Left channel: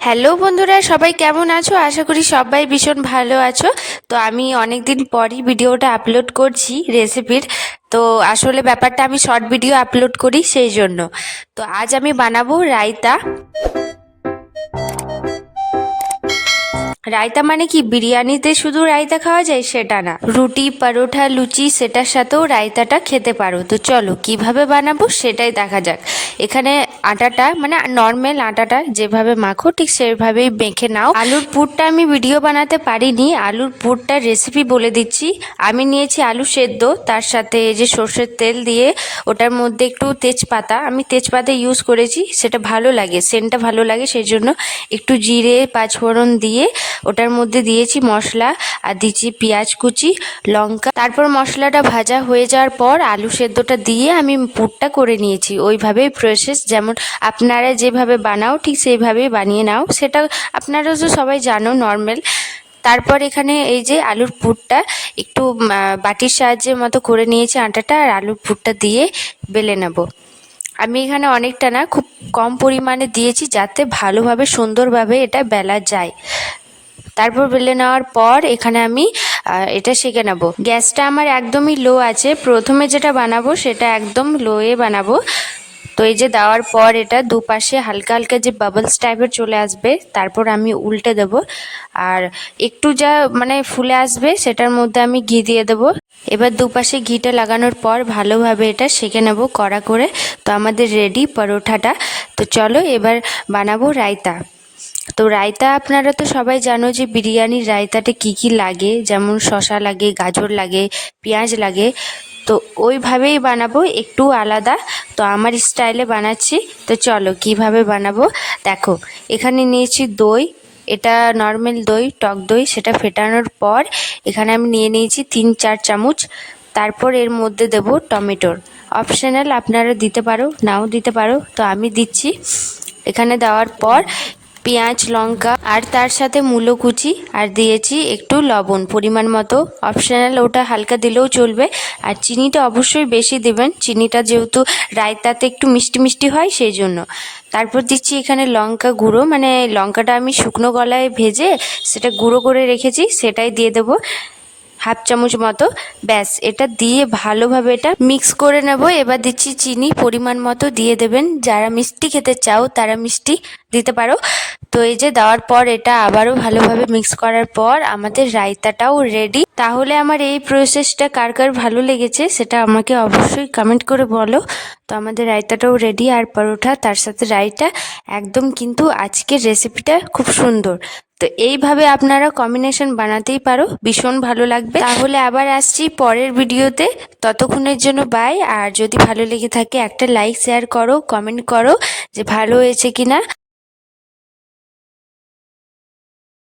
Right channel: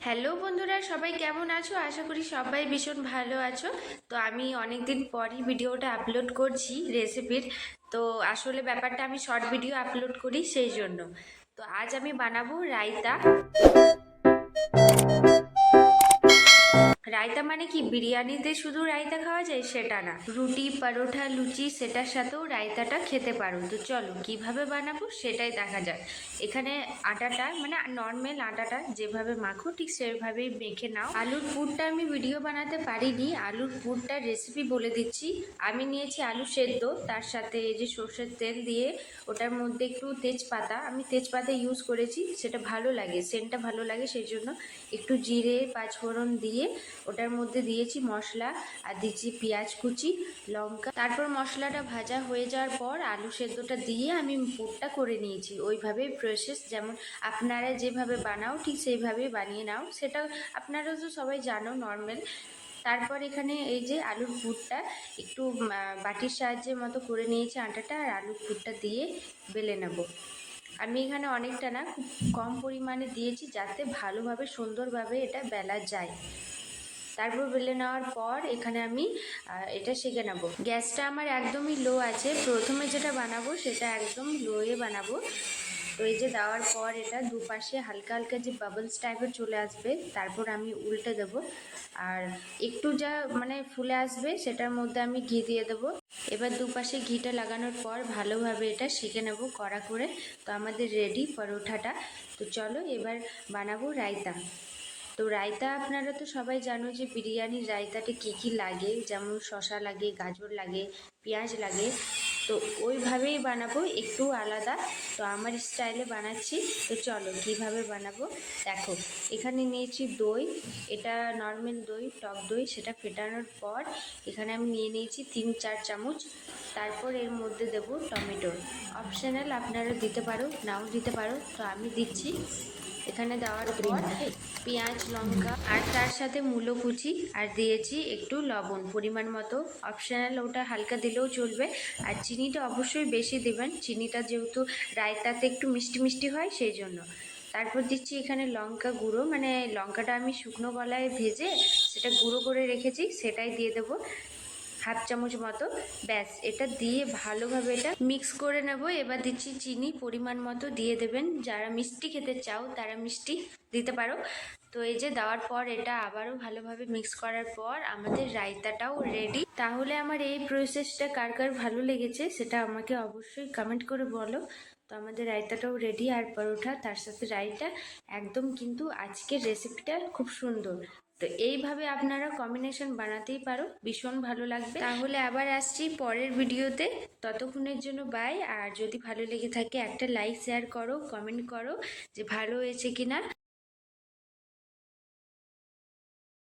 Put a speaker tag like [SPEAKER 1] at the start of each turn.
[SPEAKER 1] Hello বন্ধুরা, সবাই কেমন আছো? আশা করি সবাই ভীষণ ভালো আছো। তো আমি অনেক দিন পরই ভিডিওটা আপলোড করছি রেসিপির তো আসলে ব্যাপারটা আমি শর্ট ভিডিও আপলোড করি সেই জন্য। তো আজ আমি বানাবো রায়তা। রায়তা মানে কি? বিরিয়ানিতে শুধু রায়তা খাওয়া যায়? সেটা না। রুটি, পরোটা, লুচি, সেটার সাথেও রায়তাটা খেতে পারো। তো চলো, কীভাবে বানাবো সেটাই দেখা যাক। এখানে আটাটা মানে নর্মাল আটাটা যেভাবে মাখো, ঠিক সেভাবেই মেখে নাও। আলুর পুরটা আমি ভিডিও বানাতে পারিনি। আলুর পুরটার রেসিপি বলে দিচ্ছি। আমি নিয়েছি আলু সেদ্ধ। তার সাথে যে সর্ষের তেল দিয়ে ওটার মধ্যে একটু তেজপাতা। আমি তেজপাতা ইউজ করেছি। সেটা ভালো লাগে সেন্টটা ভালো লাগে। সেই জন্য একটু জিরে, পাঁচফোড়ন দিয়ে ওটার মধ্যে দিয়েছি মশলা, আর দিচ্ছি পেঁয়াজ কুচি, লঙ্কা। তারপর মশলাটা ভাজা হয়ে যাওয়ার পর আলু সেদ্ধটা দিয়ে আমি পুরটা করে নিয়েছি। ওইভাবেই প্রসেস যেমন আপনারা যেভাবে বানাও, ঠিক সেইভাবেই বানিয়ে নাও। সেটা আপনারা তো সবাই জানো নর্মাল তারপর এখানে এই যে আলুর পুরটা, একটু বাটির সাহায্যের মতো করে নিয়েছি আটাটা, আর আলুর পুরটা দিয়ে বেলে নেব। আমি এখানে অনেকটা না, খুব কম পরিমাণে দিয়েছি যাতে ভালোভাবে, সুন্দরভাবে এটা বেলা যায়। তারপর বেলে নেওয়ার পর এখানে আমি এটা সেঁকে নেব। গ্যাসটা আমার একদমই লো আছে। প্রথমে যেটা বানাবো সেটা একদম লোয়ে বানাবো। তো এই যে দেওয়ার পর এটা দুপাশে হালকা হালকা যে বাবলস টাইপের চলে আসবে, তারপর আমি উল্টে দেব। আর একটু যা মানে ফুলে আসবে সেটার মধ্যে আমি ঘি দিয়ে দেবো। এবার দুপাশে ঘিটা লাগানোর পর ভালোভাবে এটা সেঁকে নেব কড়া করে। তো আমাদের রেডি পরোঠাটা। তো চলো এবার বানাবো রায়তা। তো রায়তা আপনারা তো সবাই জানো যে বিরিয়ানির রায়তাতে কি কি লাগে, যেমন শশা লাগে, গাজর লাগে, পেঁয়াজ লাগে। তো ওইভাবেই বানাবো, একটু আলাদা। তো আমার স্টাইলে বানাচ্ছি। তো চলো, কীভাবে বানাবো? দেখো, এখানে নিয়েছি দই। এটা নর্মাল দই, টক দই, সেটা ফেটানোর পর এখানে আমি নিয়ে নিয়েছি তিন, চার চামচ। তারপর এর মধ্যে দেব টমেটোর। অপশনাল আপনারা দিতে পারো, নাও দিতে পারো। তো আমি দিচ্ছি। এখানে দেওয়ার পর পেঁয়াজ, লঙ্কা আর তার সাথে মূলো কুচি আর দিয়েছি একটু লবণ। পরিমাণ মতো অপশনাল ওটা হালকা দিলেও চলবে। আর চিনিটা অবশ্যই বেশি দেবেন। চিনিটা যেহেতু রায়তাতে একটু মিষ্টি মিষ্টি হয়, সেই জন্য। তারপর দিচ্ছি এখানে লঙ্কা গুঁড়ো। মানে লঙ্কাটা আমি শুকনো গলায় ভেজে সেটা গুঁড়ো করে রেখেছি, সেটাই দিয়ে দেবো। হাফ চামচ মতো। ব্যাস, এটা দিয়ে ভালোভাবে এটা মিক্স করে নেব। এবার দিচ্ছি চিনি। পরিমাণ মতো দিয়ে দেবেন। যারা মিষ্টি খেতে চাও, তারা মিষ্টি দিতে পারো। তো এই যে দেওয়ার পর এটা আবারও ভালোভাবে মিক্স করার পর আমাদের রায়তাটাও রেডি তাহলে আমার এই প্রসেসটা কার কার ভালো লেগেছে সেটা আমাকে অবশ্যই কমেন্ট করে বলো। তো আমাদের রায়তাটাও রেডি আর পরোটা, তার সাথে রায়তা। একদম কিন্তু আজকের রেসিপিটা খুব সুন্দর। তো এইভাবে আপনারা কম্বিনেশন বানাতেই পারো, ভীষণ ভালো লাগবে। তাহলে আবার আসছি পরের ভিডিওতে। ততক্ষণের জন্য বাই আর যদি ভালো লেগে থাকে একটা লাইক শেয়ার করো কমেন্ট করো যে ভালো হয়েছে কিনা।